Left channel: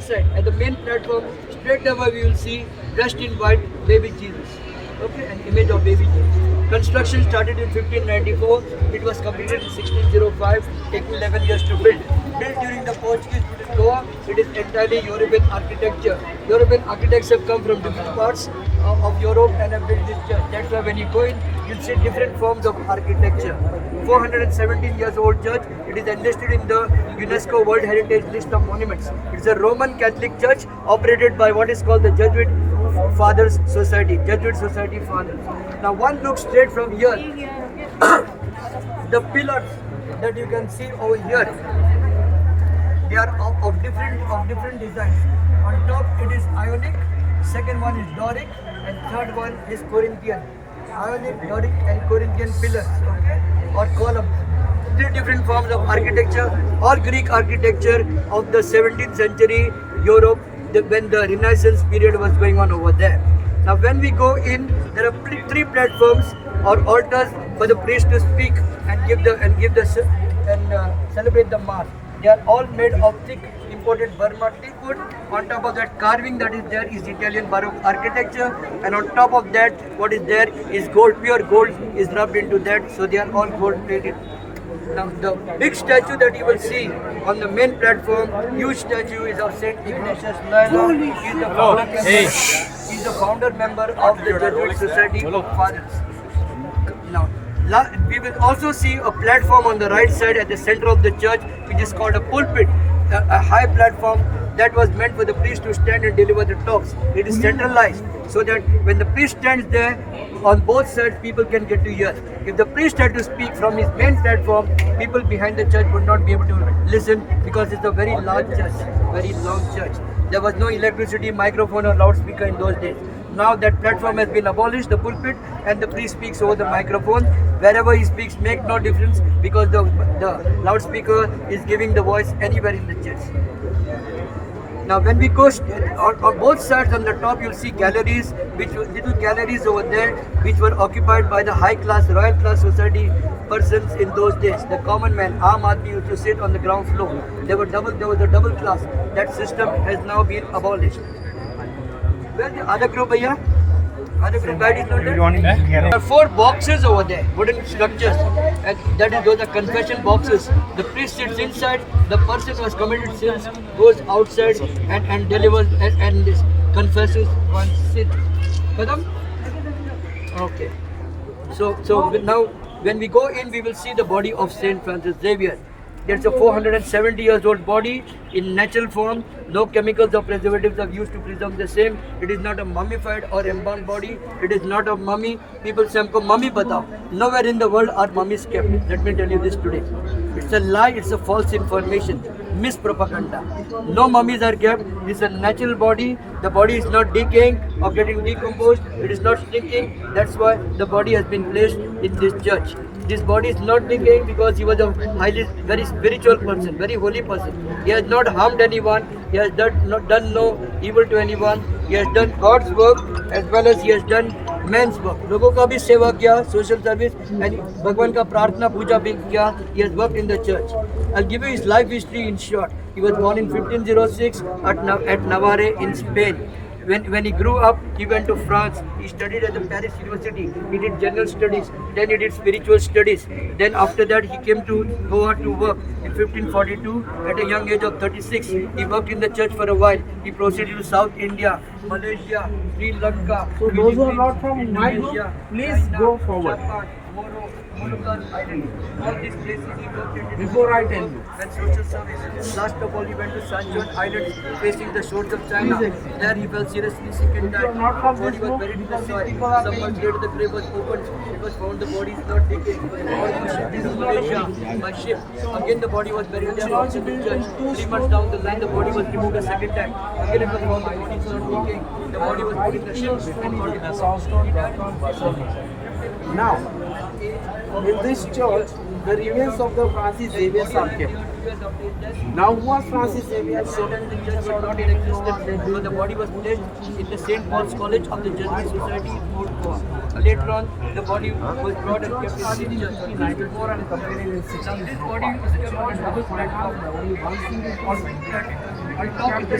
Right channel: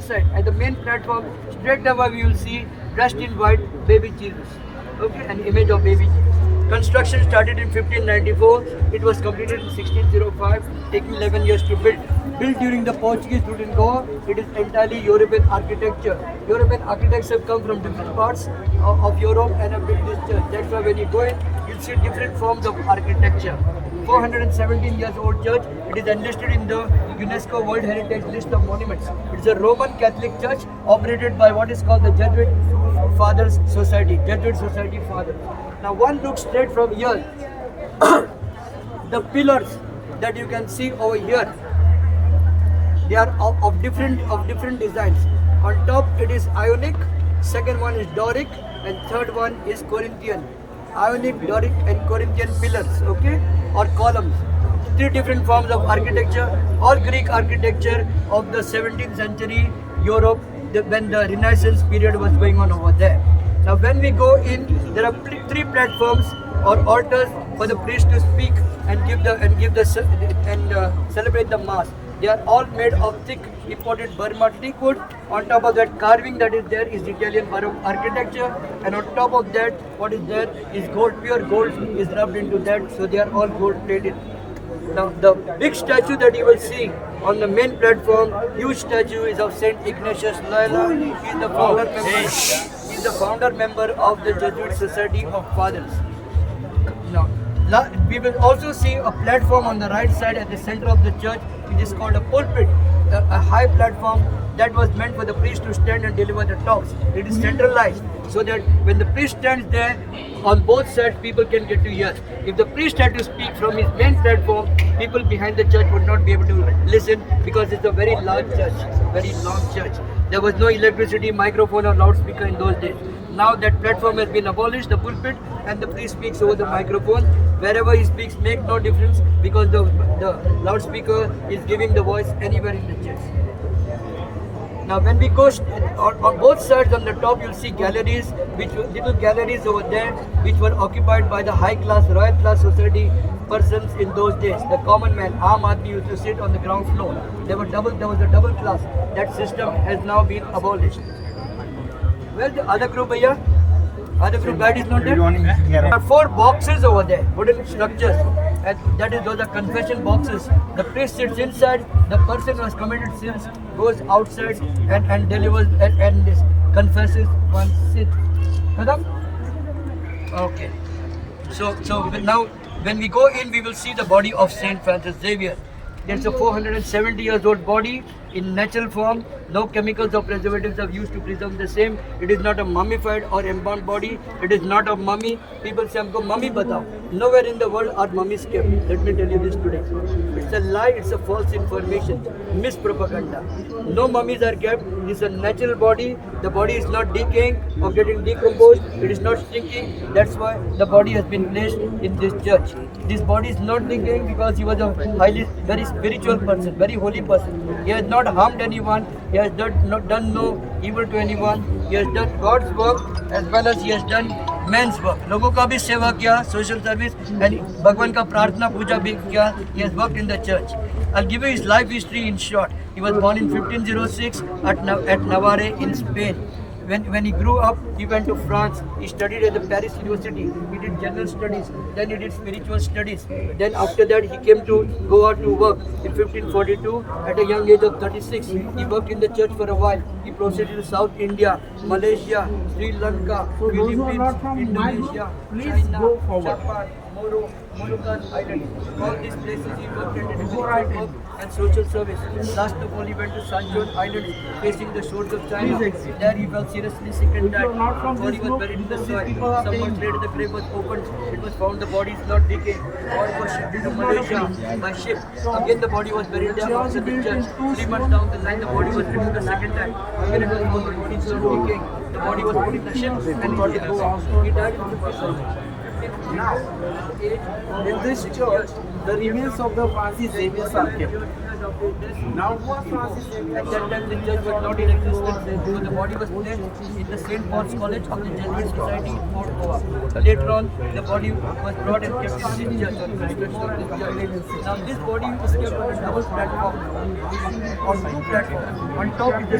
one side, at the main platform, straight away we will see dressed in white baby Jesus. Okay, an image of baby Jesus. Construction started in 1594. It was completed in 1605, taking 11 years to build. Built during the Portuguese Lutheran War, it is entirely European architecture. European architects have come from different parts of Europe and have built this church. That's why when you go in, you'll see different forms of architecture. 417 years old church. It is enlisted in the UNESCO World Heritage List of Monuments. It's a Roman Catholic church operated by what is called the Jesuit Fathers Society. Jesuit Society Fathers. Now one looks straight from here. The pillars that you can see over here, they are of different designs. On top it is Ionic, second one is Doric, and third one is Corinthian. Ionic, Doric, and Corinthian pillars, okay, or columns. Three different forms of architecture, or Greek architecture of the 17th century Europe, when the Renaissance period was going on over there. Now, when we go in, there are three platforms or altars for the priest to speak and celebrate the mass. They are all made of thick imported Burma teak wood. On top of that, carving that is there is Italian Baroque architecture, and on top of that, what is there is gold, pure gold is rubbed into that, so they are all gold plated. Now, the big statue that you will see on the main platform, huge statue, is of Saint Ignatius Loyola. He is the founder member of the Jesuit Society of Fathers. Now, we will also see a platform on the right side at the center of the church, which is called a pulpit, a high platform that was meant for the priest to stand and deliver the talks. It is centralized, so that when the priest stands there, on both sides people can get to hear. If the priest had to speak from his main platform, people behind the church would not be able to listen, because it's a very large church, very long church. There was no electricity, microphone or loudspeaker in those days. Now that platform has been abolished, the pulpit, and the priest speaks over the microphone. Wherever he speaks make no difference, because the loudspeaker is giving the voice anywhere in the church. Now when we go on both sides, on the top you'll see galleries, little galleries over there, which were occupied by the high class, royal class society persons in those days. The common man, Aam Aadmi, used to sit on the ground floor. There was a double class. That system has now been abolished. Where's the other group, bhaiya? Other group guide is not there? There are 4 boxes over there, wooden structures. And those are confession boxes. The priest sits inside, the person who has committed sins goes outside and delivers and confesses one's sin. Madam? Okay. So now when we go in, we will see the body of Saint Francis Xavier. It's a 470 years old body in natural form. No chemicals or preservatives are used to preserve the same. It is not a mummified or embalmed body. It is not a mummy. People say, "Humko mummy batao." Nowhere in the world are mummies kept. Let me tell you this today. It's a lie. It's a false information. Mispropaganda. No mummies are kept. It's a natural body. The body is not decaying or getting decomposed. It is not shrinking. That's why the body has been placed in this church. This body is not decaying because he was a very spiritual person, very holy person. He has not harmed anyone. He has done no evil to anyone. He has done God's work as well as he has done man's work. लोगों का भी सेवा किया, social service, and भगवान का प्रार्थना पूजा भी किया. He has worked in the church. I'll give you his life history in short. He was born in 1506 at Navarre in Spain. When he grew up, he went to France. He studied at the Paris University. He did general studies. Then he did spiritual studies. Then after that, he came to Goa to work. In 1542, at a young age of 36, he worked in the church for a while. He proceeded to South India, Malaysia, Sri Lanka, So those who are not from my group, please China, go forward. Japan, Moluccan Islands. All these places he worked in Before I tell you. and social service. Last of all, he went to Sanjon Islands, facing the shores of China. Please exit. There he fell seriously sick and If you are died. not from Body this was group, buried in the then soil. these people are Some months paying. later, the grave was opened. It was found the body is not decayed. The body was shipped to Malaysia by ship. Again, the body was buried there outside the church. 3 months down the line, the body was removed the second time. Again, it was found the body is not decaying. The body was put in the ship and brought it home. He died in 57. Now, in this church, the remains of the Francis Xavier are kept. Now, who was Francis Xavier? At that time, the church was not in existence, so the body was placed in the St. Paul's College of the Jesuit Society in Port Goa. Later on, the body was brought and kept in this church. Now, this body is kept on a double platform on top of the